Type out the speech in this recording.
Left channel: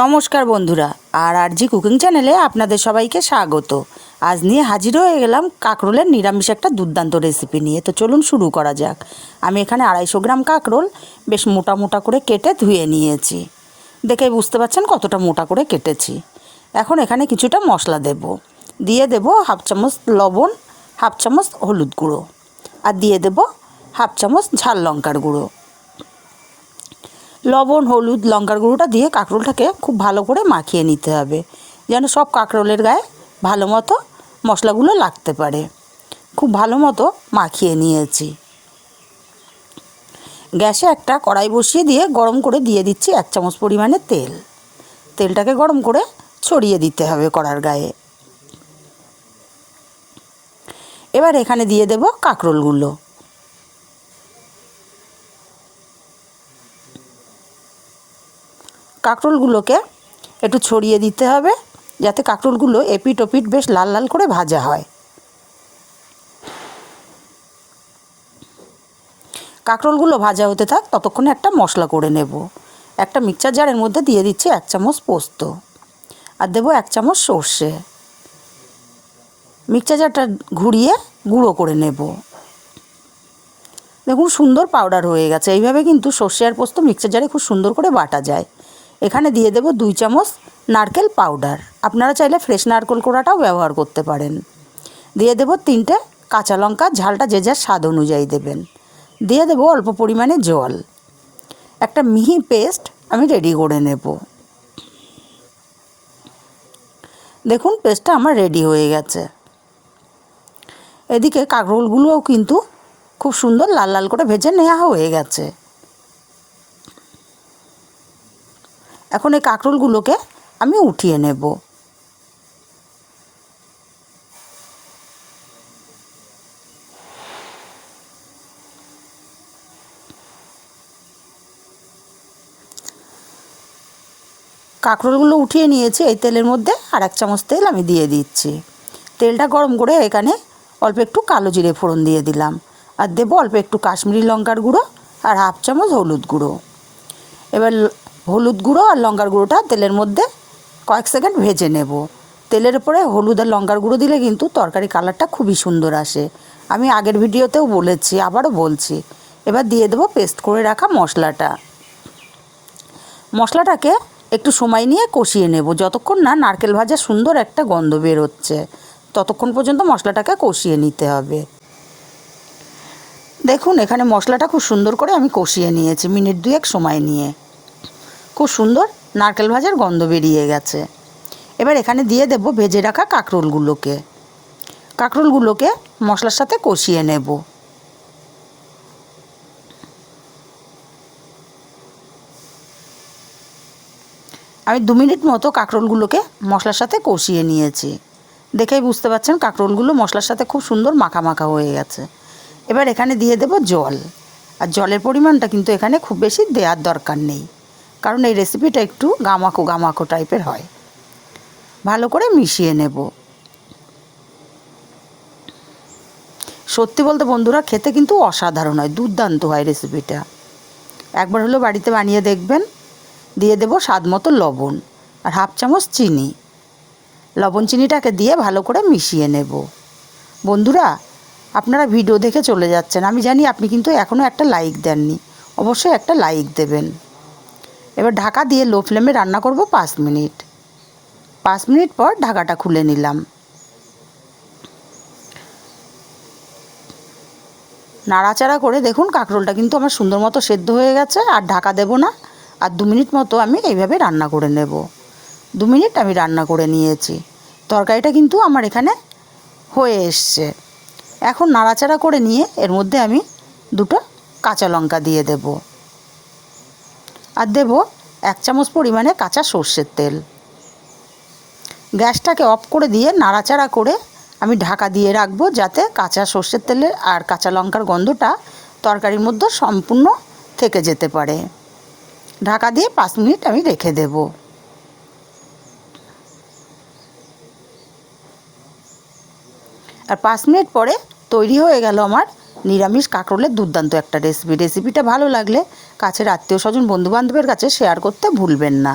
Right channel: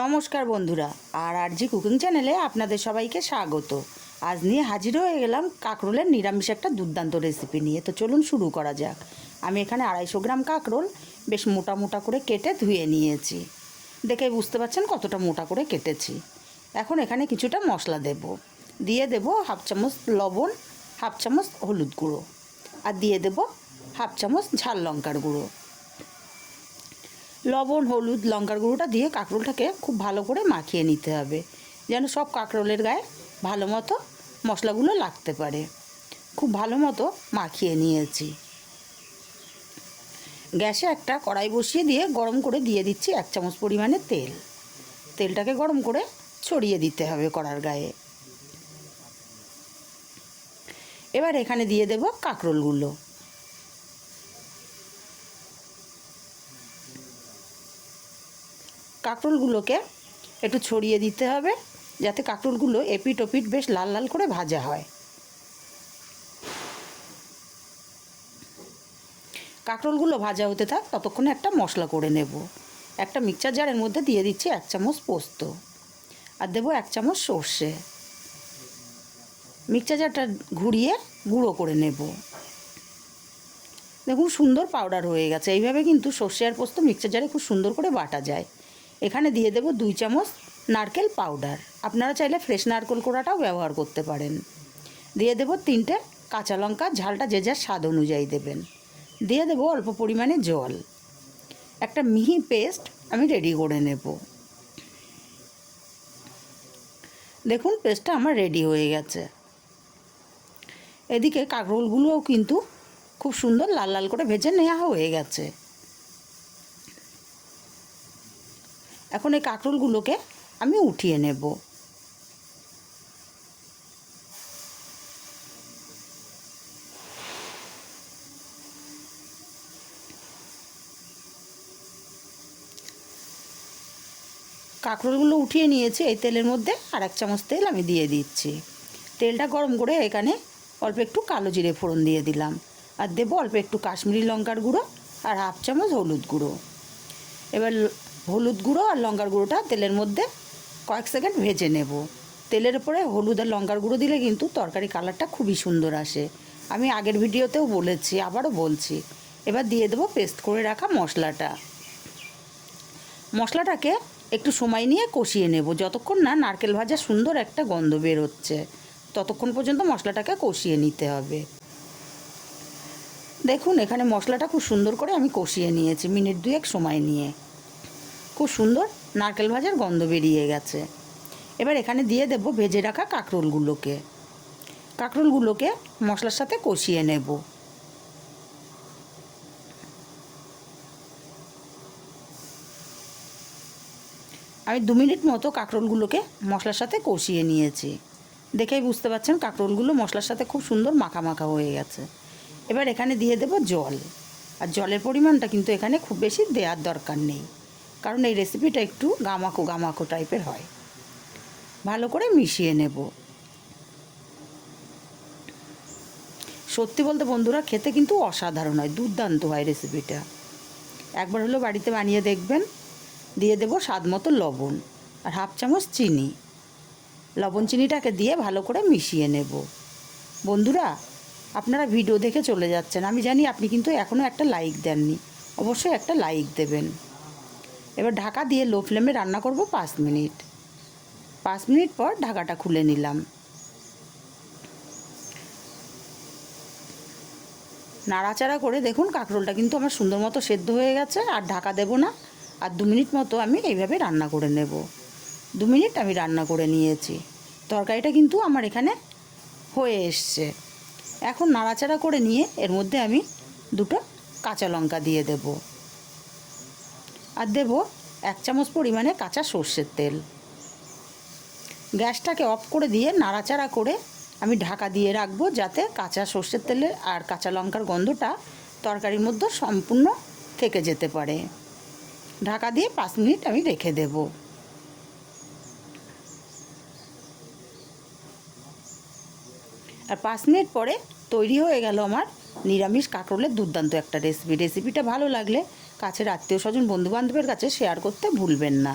নমস্কার বন্ধুরা, আর আর জি কুকিং চ্যানেলে আপনাদের সবাইকে স্বাগত। আজ নিয়ে হাজির হয়ে গেলাম কাঁকরোলের নিরামিষ একটা দুর্দান্ত রেসিপি নিয়ে। তো চলুন শুরু করা যাক। আমি এখানে আড়াইশো গ্রাম কাঁকরোল বেশ মোটা মোটা করে কেটে ধুয়ে নিয়েছি। দেখে বুঝতে পারছেন কতটা মোটা করে কেটেছি। এখন এখানে কিছুটা মশলা দেব। দিয়ে দেব হাফ চামচ লবণ, হাফ চামচ হলুদ গুঁড়ো। আর দিয়ে দেব হাফ চামচ ঝাল লঙ্কার গুঁড়ো। লবণ, হলুদ, লঙ্কার গুঁড়োটা দিয়ে কাঁকরোলটাকে খুব ভালো করে মাখিয়ে নিতে হবে। যেন সব কাঁকরোলের গায়ে ভালো মতো মশলাগুলো লাগতে পারে। খুব ভালো মতো মাখিয়ে নিয়েছি। গ্যাসে একটা কড়াই বসিয়ে দিয়ে গরম করে দিয়ে দিচ্ছি এক চামচ পরিমাণে তেল। তেলটাকে গরম করে ছড়িয়ে দিতে হবে কড়ার গায়ে। এবার এখানে দিয়ে দেব কাঁকরোলগুলো। কাঁকরোলগুলোকে একটু ছড়িয়ে দিতে হবে যাতে কাঁকরোলগুলো এপিট ওপিট বেশ লাল লাল করে ভাজা হয়। কাঁকরোলগুলো ভাজা হতে থাক, ততক্ষণে একটা মশলা করে নেব। একটা মিক্সচার জারের মধ্যে দিয়ে দিচ্ছি এক চামচ পোস্ত আর দেবো এক চামচ সর্ষে। মিক্সচার জারটা ঘুরিয়ে গুঁড়ো করে নেব। দেখুন সুন্দর পাউডার হয়ে গেছে। এইভাবে কিন্তু সর্ষে আর পোস্ত মিক্সচার জারে খুব সুন্দর করে বাটা যায়। এখানে দিয়ে দেবো দুই চামচ নারকেল পাউডার। আপনারা চাইলে ফ্রেশ নারকেল কোড়াটাও ব্যবহার করতে পারেন। দিয়ে দেবো তিনটে কাঁচা লঙ্কা, ঝালটা যে যার স্বাদ অনুযায়ী দেবেন। দিয়ে দেবো অল্প পরিমাণে জল। একটা মিহি পেস্ট আমি রেডি করে নেব। দেখুন, পেস্টটা আমার রেডি হয়ে গেছে। এদিকে কাঁকরোলগুলোও কিন্তু খুব সুন্দর লাল লাল করে ভেজে নেওয়া হয়ে গেছে। এখন এই কাঁকরোলগুলোকে আমি উঠিয়ে নেব। কাঁকরোলগুলো উঠিয়ে নিয়েছি, এই তেলের মধ্যে আর এক চামচ তেল আমি দিয়ে দিচ্ছি। তেলটা গরম করে এখানে অল্প একটু কালো জিরে ফোড়ন দিয়ে দিলাম। আর দেবো অল্প একটু কাশ্মীরি লঙ্কার গুঁড়ো আর হাফ চামচ হলুদ গুঁড়ো। এবার হলুদ গুঁড়ো আর লঙ্কার গুঁড়োটা তেলের মধ্যে কয়েক সেকেন্ড ভেজে নেব। তেলের উপরে হলুদ আর লঙ্কার গুঁড়ো দিলে কিন্তু তরকারি কালারটা খুবই সুন্দর আসে। আমি আগের ভিডিওতেও বলেছি, আবারও বলছি। এবার দিয়ে দেবো পেস্ট করে রাখা মশলাটা। মশলাটাকে একটু সময় নিয়ে কষিয়ে নেব, যতক্ষণ না নারকেল ভাজা সুন্দর একটা গন্ধ বের হচ্ছে ততক্ষণ পর্যন্ত মশলাটাকে কষিয়ে নিতে হবে। দেখুন, এখানে মশলাটা খুব সুন্দর করে আমি কষিয়ে নিয়েছি, মিনিট দুয়েক সময় নিয়ে। খুব সুন্দর নারকেল ভাজার গন্ধ বেরিয়ে গেছে। এবার এখানে দিয়ে দেব ভেজে রাখা কাঁকরোলগুলোকে। কাঁকরোলগুলোকে মশলার সাথে কষিয়ে নেব। আমি দু মিনিট মতো কাঁকরোলগুলোকে মশলার সাথে কষিয়ে নিয়েছি। দেখেই বুঝতে পারছেন কাঁকরোলগুলো মশলার সাথে খুব সুন্দর মাখা মাখা হয়ে গেছে। এবার এখানে দিয়ে দেব জল। আর জলের পরিমাণটা কিন্তু এখানে খুব বেশি দেওয়ার দরকার নেই। কারণ এই রেসিপিটা একটু গামাকো গামাকো টাইপের হয়। ভালো করে মিশিয়ে নেব। সত্যি বলতে বন্ধুরা, খেতে কিন্তু অসাধারণ হয়, দুর্দান্ত হয় রেসিপিটা একবার হলো বাড়িতে বানিয়ে দেখবেন। দিয়ে দেব স্বাদ মতো লবণ আর হাফ চামচ চিনি। লবণ চিনিটাকে দিয়ে ভালো করে মিশিয়ে নেব। বন্ধুরা, আপনারা ভিডিও দেখে চলে যাচ্ছেন। আমি জানি আপনি কিন্তু এখনও একটা লাইক দেননি। অবশ্যই একটা লাইক দেবেন। এবার ঢাকা দিয়ে লো ফ্লেমে রান্না করব পাঁচ মিনিট। পাঁচ মিনিট পর ঢাকাটা খুলে নিলাম। নাড়াচাড়া করে দেখুন কাঁকরোলটা কিন্তু আমার সুন্দর মতো সেদ্ধ হয়ে গেছে, আর ঢাকা দেব না। আর দু মিনিট মতো আমি এইভাবে রান্না করে নেব। দু মিনিট আমি রান্না করে নিয়েছি। তরকারিটা কিন্তু আমার এখানে হয়ে এসছে। এখন নাড়াচাড়া করে নিয়ে এর মধ্যে আমি দুটো কাঁচা লঙ্কা দিয়ে দেব। আর দেব এক চামচ পরিমাণে কাঁচা সর্ষের তেল। গ্যাসটাকে অফ করে দিয়ে নাড়াচাড়া করে আমি ঢাকা দিয়ে রাখব যাতে কাঁচা সর্ষের তেলের আর কাঁচা লঙ্কার গন্ধটা তরকারির মধ্যে সম্পূর্ণ থেকে যেতে পারে। ঢাকা দিয়ে পাঁচ মিনিট আমি রেখে দেব। আর পাঁচ মিনিট পরে তৈরি হয়ে গেল আমার নিরামিষ কাঁকরোলের দুর্দান্ত একটা রেসিপি রেসিপিটা ভালো লাগলে কাছের আত্মীয় স্বজন বন্ধুবান্ধবের কাছে শেয়ার করতে ভুলবেন না।